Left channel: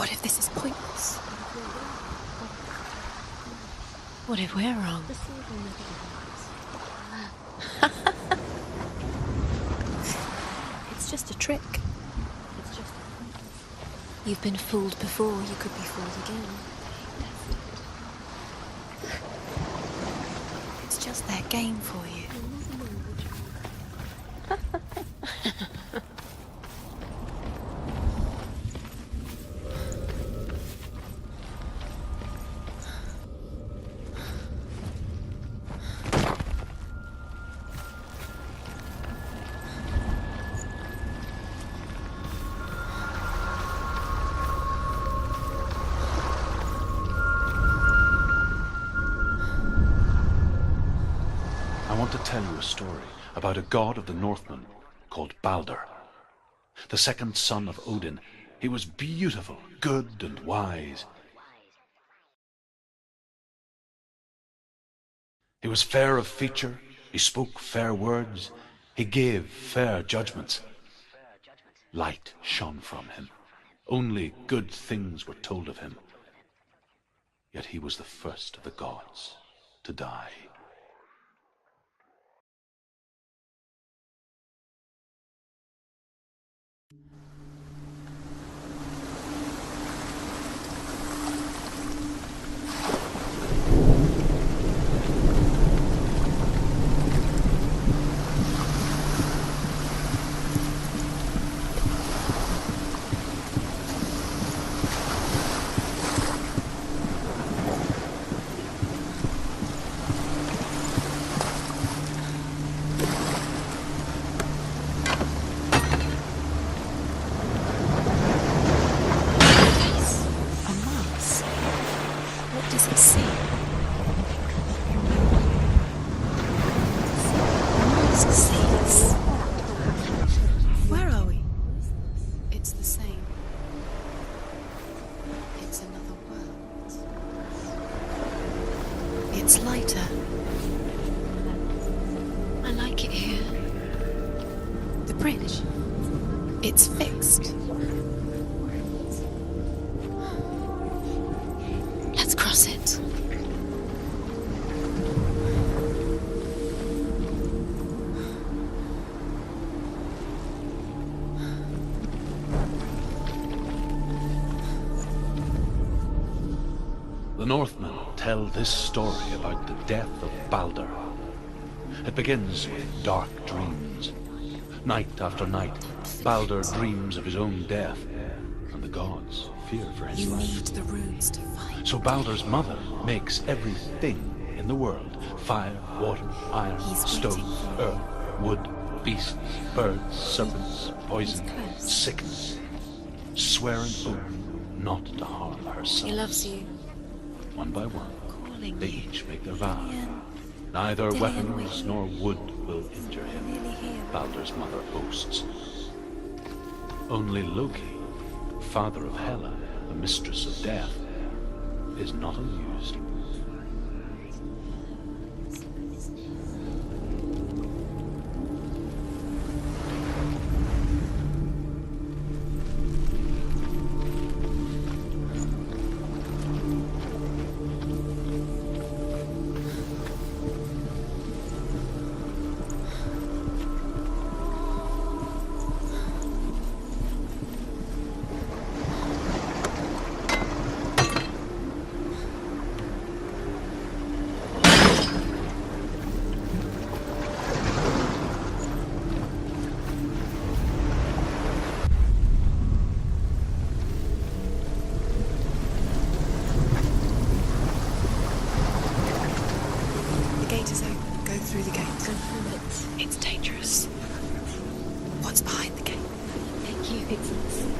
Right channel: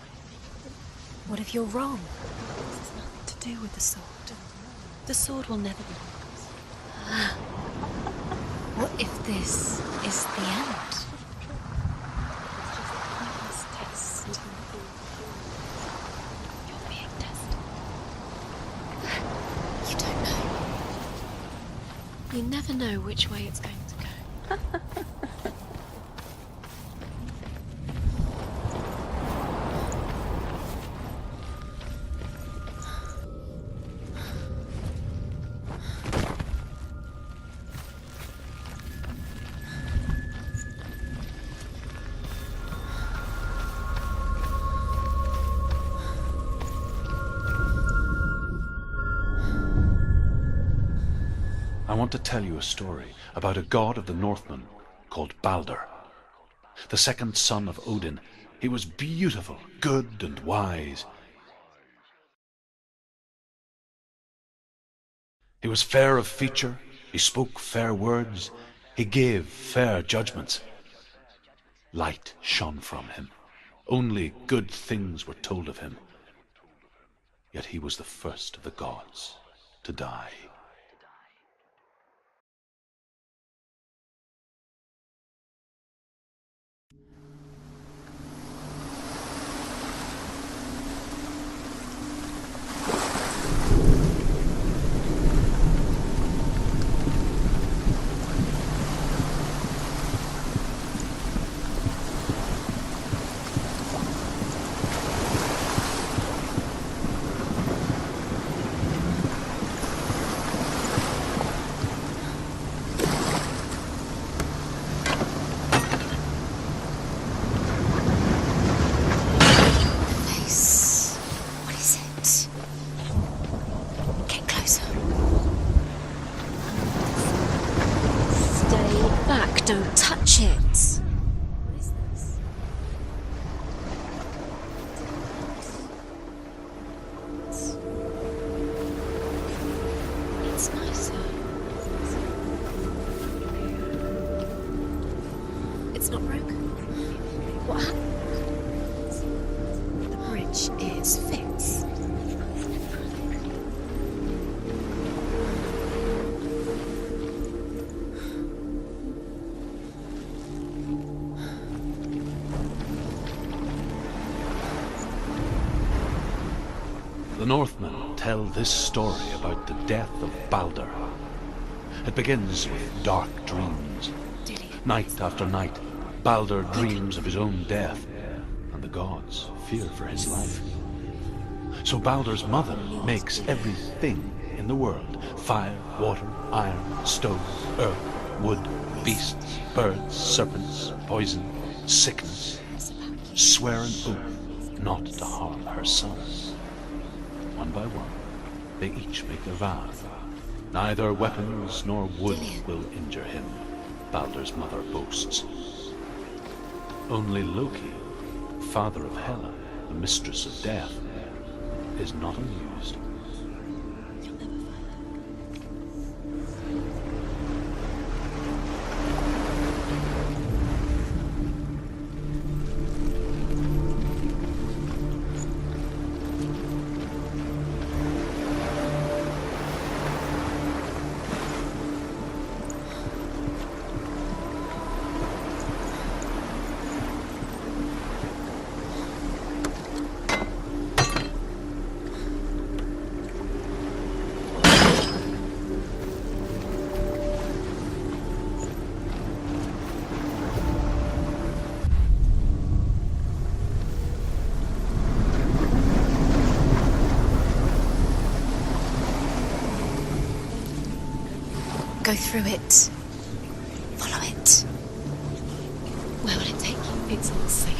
What if this is pointless? What if you're wrong? What to do with the sword? What if we're wrong? The sword will never be wise. What if this is the end? It's just a trick. It's just a pointless test. You've been fooled before, you could be fooled again. Being tested. You don't know. It's just their game for you. You never know which way it's going to go. I want to tell you a story about a god of the Northmen called Balder. The second son of Odin, he was beautiful, good and wise. He was fair of feature, he spoke fair words, he gave fair judgments. Light shone from him. Only good things were told of him. Yet he was the first of the gods to die. The Northmen tell this story about the death of Balder. It begins with dark dreams. Night after night, Balder dreams of his own death, and the gods fear for his life. So Balder's mother makes everything in the world: fire, water, iron, stone, earth, wood, beasts, birds, serpents, poison, sickness. Swear an oath not to harm her son. He loves you. One by one, they each make their vow. Neither weapons nor wood will injure him, Balder's mother boasts. Only Loki, father of Hela, the mistress of death, is not amused. Go through it. It's dangerous. Follow it. What's behind the gate? Where will it take you? It's not safe.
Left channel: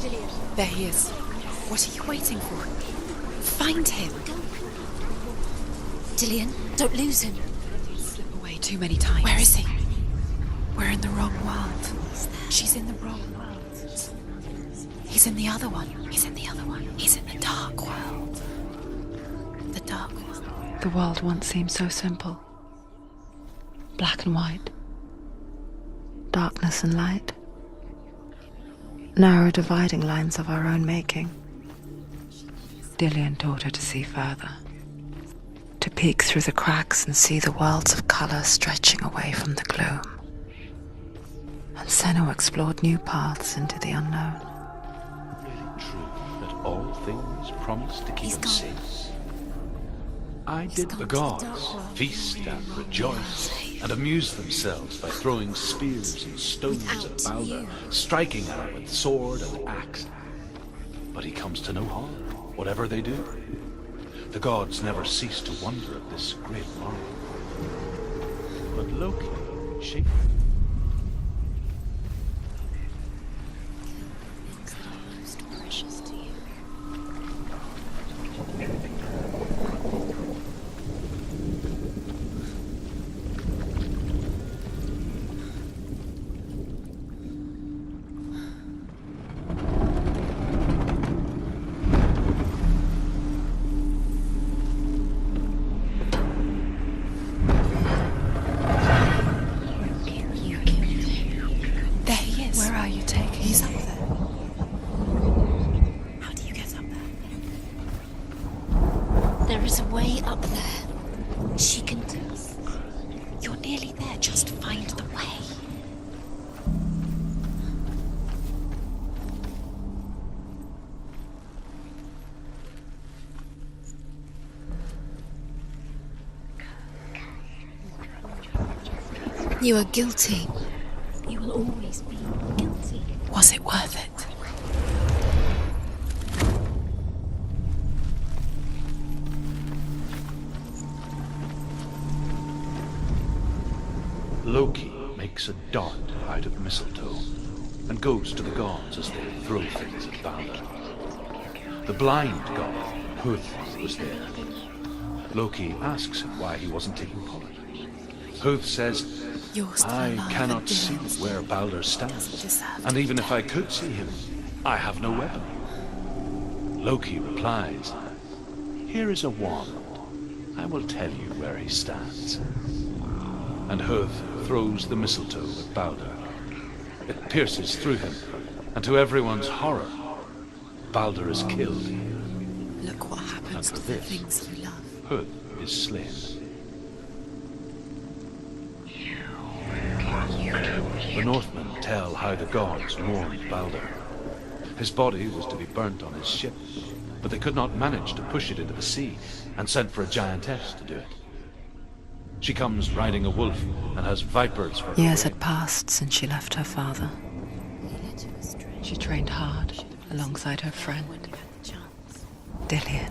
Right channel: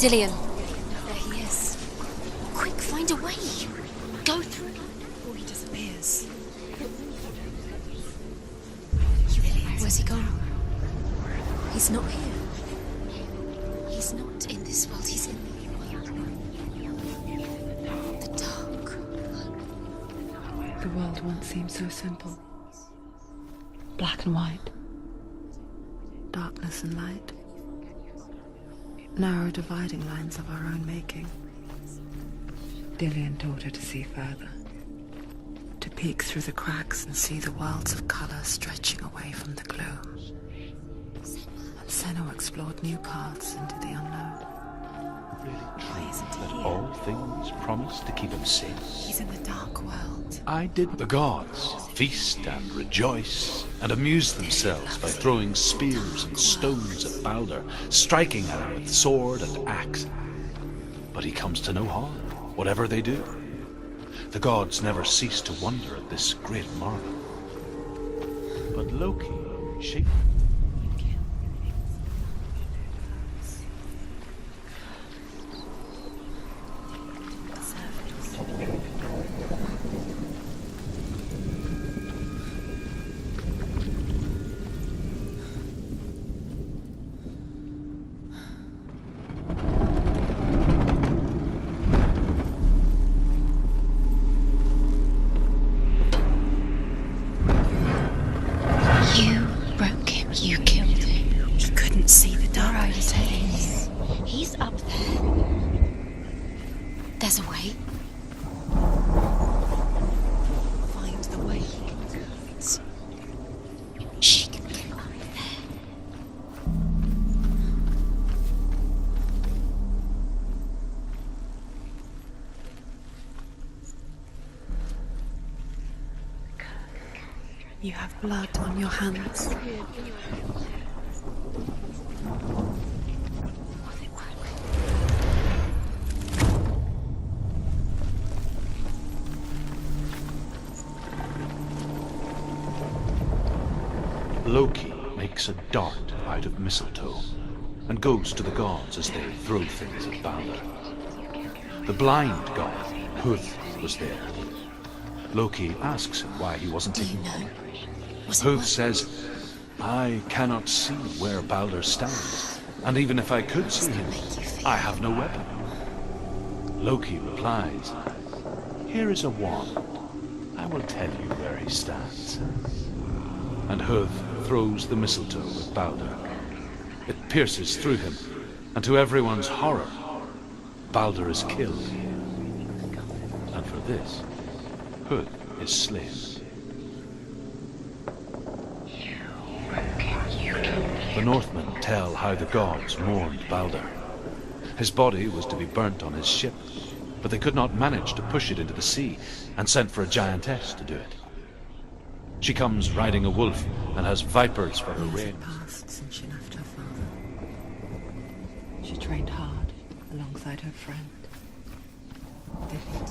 Dillion. There he is. There he is. What are you waiting for? Quick, find a way. Find him. Go through it. Before he disappears. Dillion, don't lose him. Slip away too many times. Where is he? Where's he gone? We're in the wrong world. He's not here. She's in the wrong world. He's not in this world. He's in the other one. He's in the other one. He's in the dark world. The dark. The dark world. The world once seemed so simple. Black and white. darkness and light. Narrow dividing lines of our own making. Dillian taught her to see further. To peek through the cracks and see the worlds of colour stretching away from the gloom. And Senua explored new paths into the unknown. Really true that all things promise to keep him safe? He's in the dark world. I did the gods feast and rejoice and amuse themselves by throwing spears and stones at Balder, striking at him with sword and axe. But he comes to no harm, whatever they do. The gods never cease to wonder at this great marvel. But Loki shaped You have blood on your hands. You are guilty. You will always be guilty. Was it worth it? Loki makes a dart out of mistletoe and goes to the gods as they throw things at Balder. The blind god, Hud, was there. Loki asks him why he wasn't taking part. Hud says, I cannot see where Balder stands, and even if I could see him, I have no weapon. Loki replies, here is a wand. I will tell you where he stands. And Hud throws the mistletoe at Balder. It pierces through him, and to everyone's horror, Balder is killed. And for this, Hud is slain. The Northmen tell how the gods mourned Balder. His body was to be burnt on his ship, but they could not manage to push it into the sea, and sent for a giantess to do it. She comes riding a wolf and has vipers for her Years wings. had passed since she left her father. She trained hard alongside her friend, Dillian.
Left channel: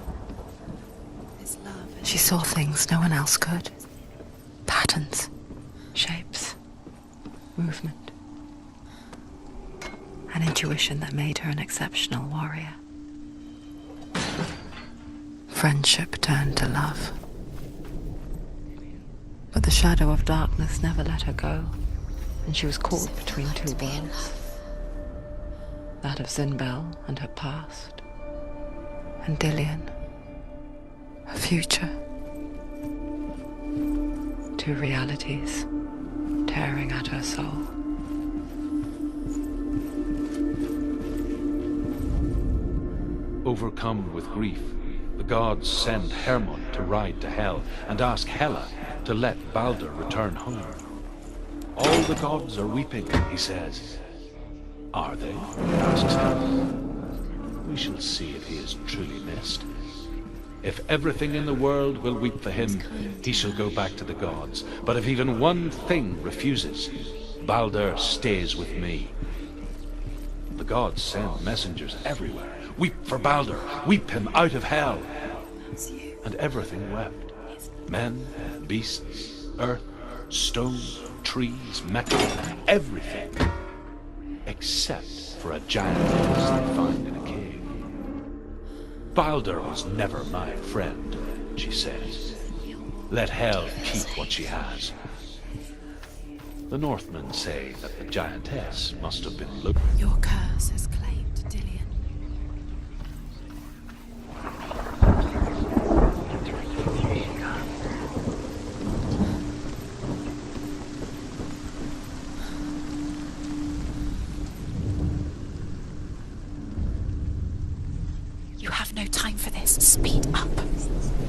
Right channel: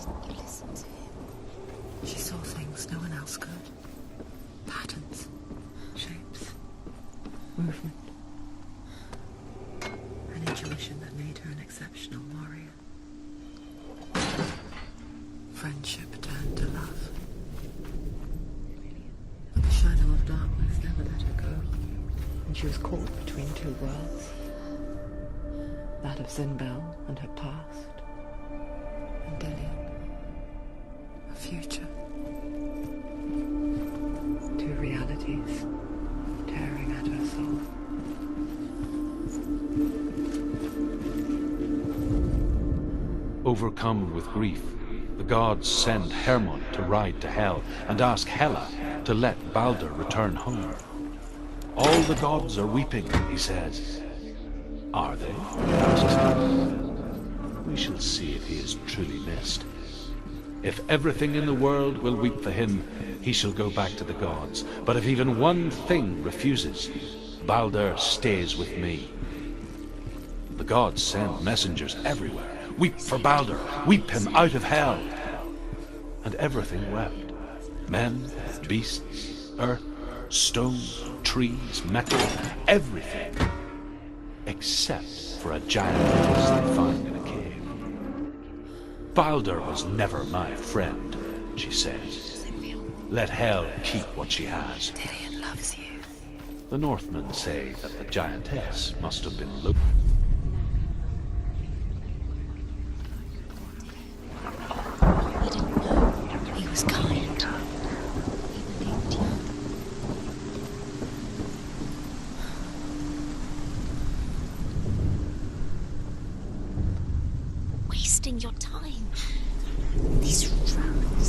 She saw things no one else could. Patterns, shapes, movement. An intuition that made her an exceptional warrior. Friendship turned to love. But the shadow of darkness never let her go, and she was caught between two worlds. That of Zinbel and her past, and Dillian, her future. Two realities tearing at her soul. Overcome with grief, the gods send Hermod to ride to Hell and ask Hela to let Balder return home. All the gods are weeping, he says. Are they? Asks Hela. We shall see if he is truly missed. If everything in the world will weep for him, he shall go back to the gods. But if even one thing refuses, Balder stays with me. The gods send messengers everywhere. Weep for Balder, weep him out of Hell. And everything wept. Men, beasts, earth, stone, trees, metal, everything. Except for a giantess they find in a cave. Balder was never my friend, she says. Let Hel keep what she has. The Northmen say that the giantess must have been Loki. Your curse has claimed Dillian. He was coming. no time for this. Speed up.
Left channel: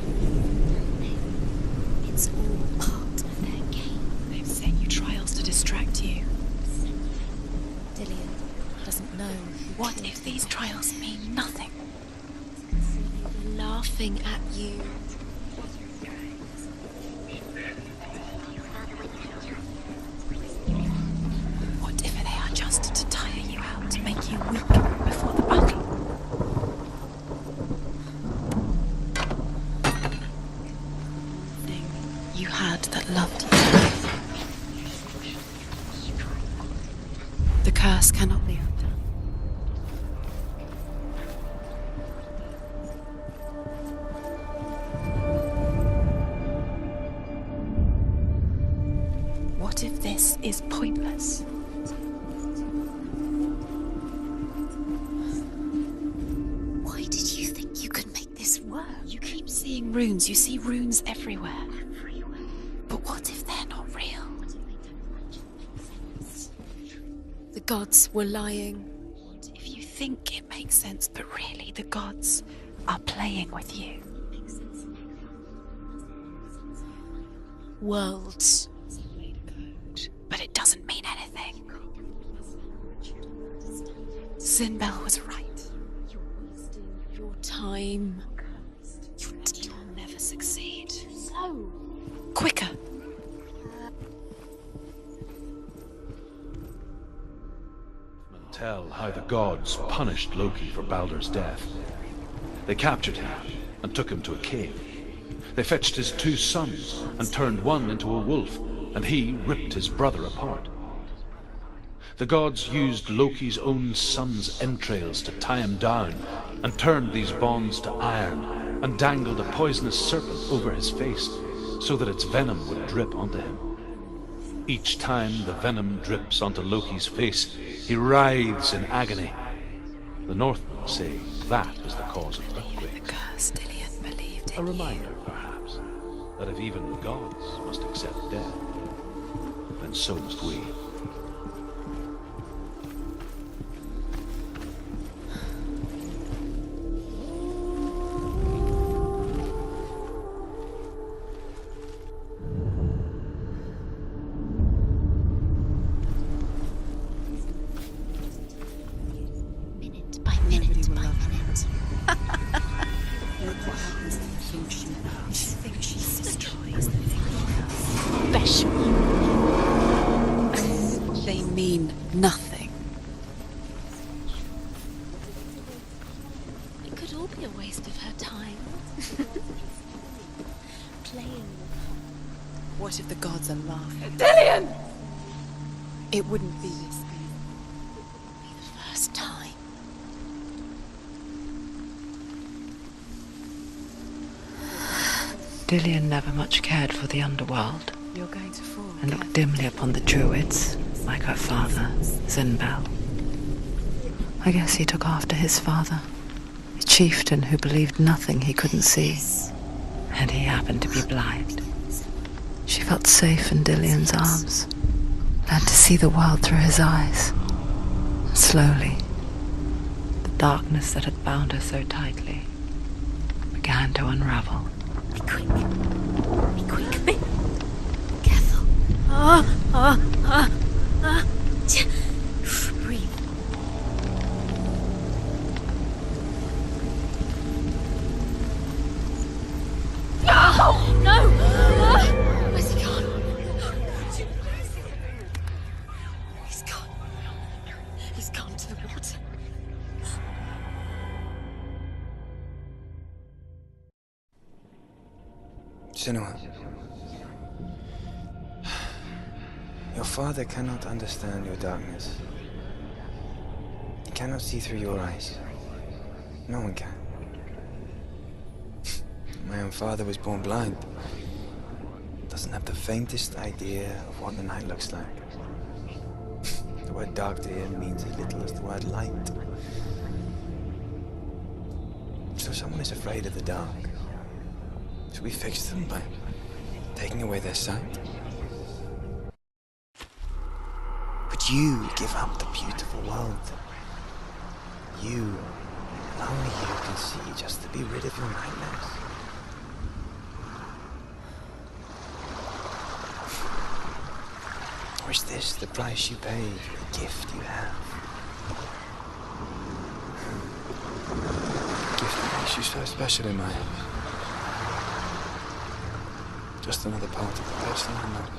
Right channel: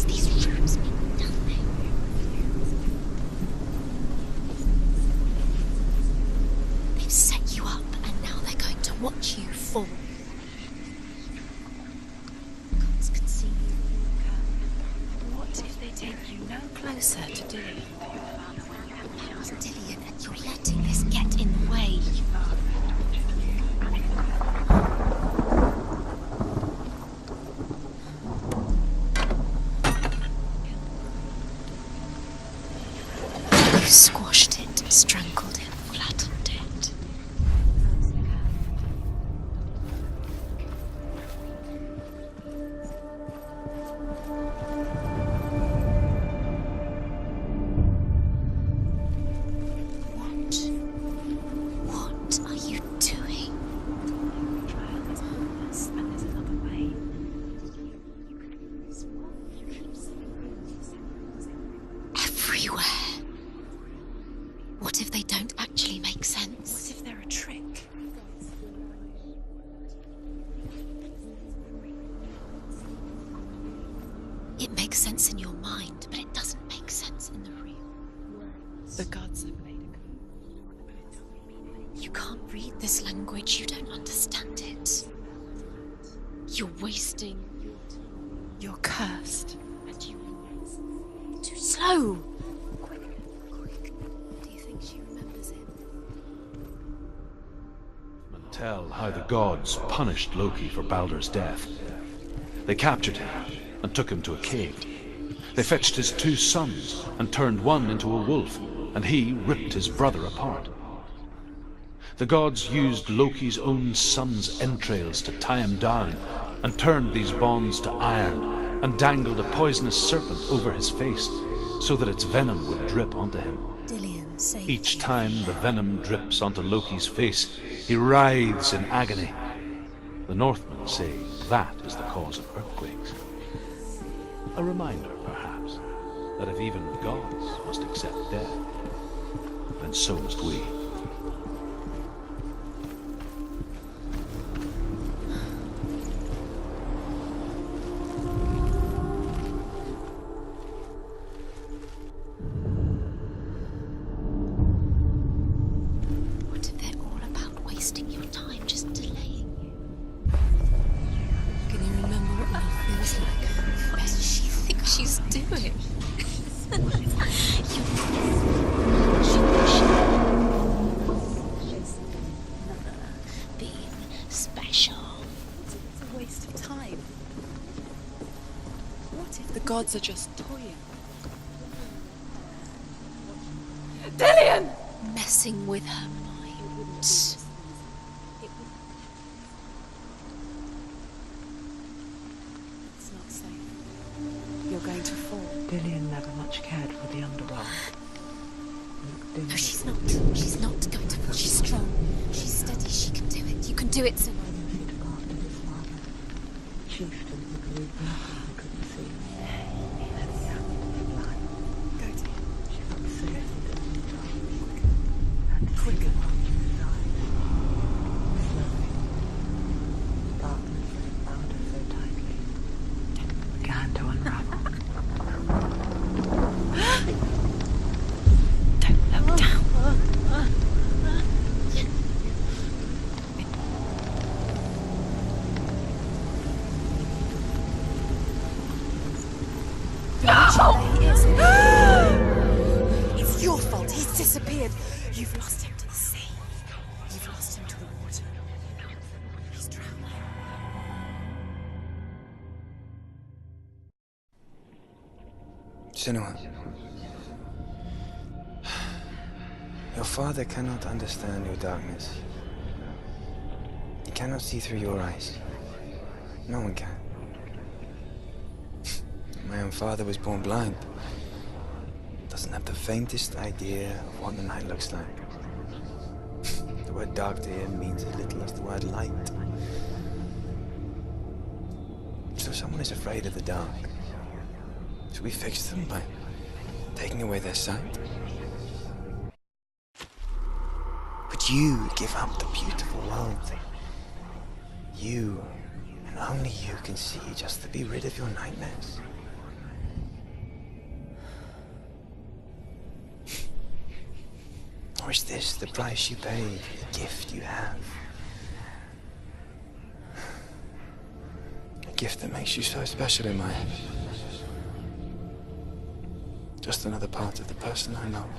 These rules mean nothing. It's all part of their game. They've set you trials to distract you. They've set you up, and now they're going to watch you fall. What if these trials mean nothing? Laughing at you. What if they take you no closer to doing Dillian, you're letting this get in the way. What if they are just to tire you out, to make you weak before the battle? You had that loved you. You squashed it, strangled it, flattened it. The curse cannot lift. What if this is pointless? What are you doing? Why did you think you could make this work? You keep seeing runes. You see runes everywhere. Everywhere. But what if they're not real? What if they don't actually make sense? What if they're a trick? The gods were lying. If you think it makes sense, but really the gods are playing with you. It makes sense in your mind, but it doesn't make sense in the real world. The gods are fake, but it doesn't mean anything. You can't read this language, you don't understand Sinbel it. was right. You're wasting time. You're cursed. You will never succeed. Slow. Quicker. Do you think she remembers it? Tell how the gods punished Loki for Baldur's death. They captured him and took him to a cave. They fetched his 2 sons and turned one into a wolf, and he ripped his brother apart. The gods used Loki's own son's entrails to tie him down, and turned these bonds to iron, and dangled a poisonous serpent over his face, so that its venom would drip onto him. Dillian, say Each time the venom drips onto Loki's face, he writhes in agony. The Northmen say that is the cause of earthquakes. Curse, Dillian believed A reminder, perhaps, that if even gods must accept death, then so must we. what they're all about wasting your time, just delaying minute by minute by minute. She's doing it. They mean nothing. Be special. Waste of time. It could all be a waste of her time. The gods are just Playing, What if the gods are laughing? messing with her. It wouldn't be. Be the first time. You're going to fall. Dillian never much cared for the underworld You're going to fall. and looked dimly upon the druids, like her father, Sinbel. She can do it. You can do it. I guess he took after his father, a chieftain who believed nothing he couldn't see, and he happened to be blind. She felt safe in Dillian's arms, glad to see the world through his eyes. And slowly, the darkness that had bound her so tightly began to unravel. Be quick. Careful. Breathe. Where's he gone? It's your fault. He's disappeared. You've lost him to the sea. He's gone. You've lost him to He's gone to the water. He's drowned. Senua, your father cannot understand your darkness. He cannot see through your eyes. No one can. My own father was born blind. Doesn't have the faintest idea of what the night looks like. The word dark to him means as little as the word light. So someone is afraid of the dark. Should we fix them by taking away their sight? Would you give up the beautiful world that you Only you can see just to be rid of your nightmares. Or is this the price you pay for the gift you have? A gift that makes you so special in my eyes. Just another part of the person I love.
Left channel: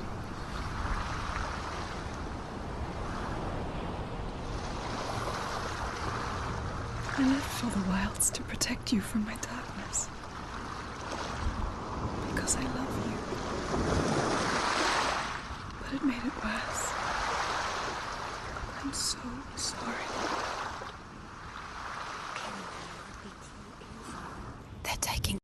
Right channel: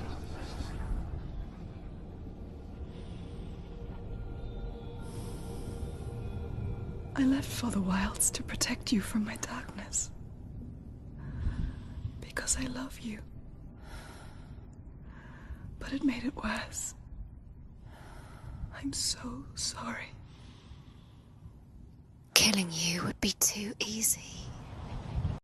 I lived for the wilds to protect you from my darkness. Because I love you. But it made it worse. I'm so sorry. Killing you would be too easy. They're taking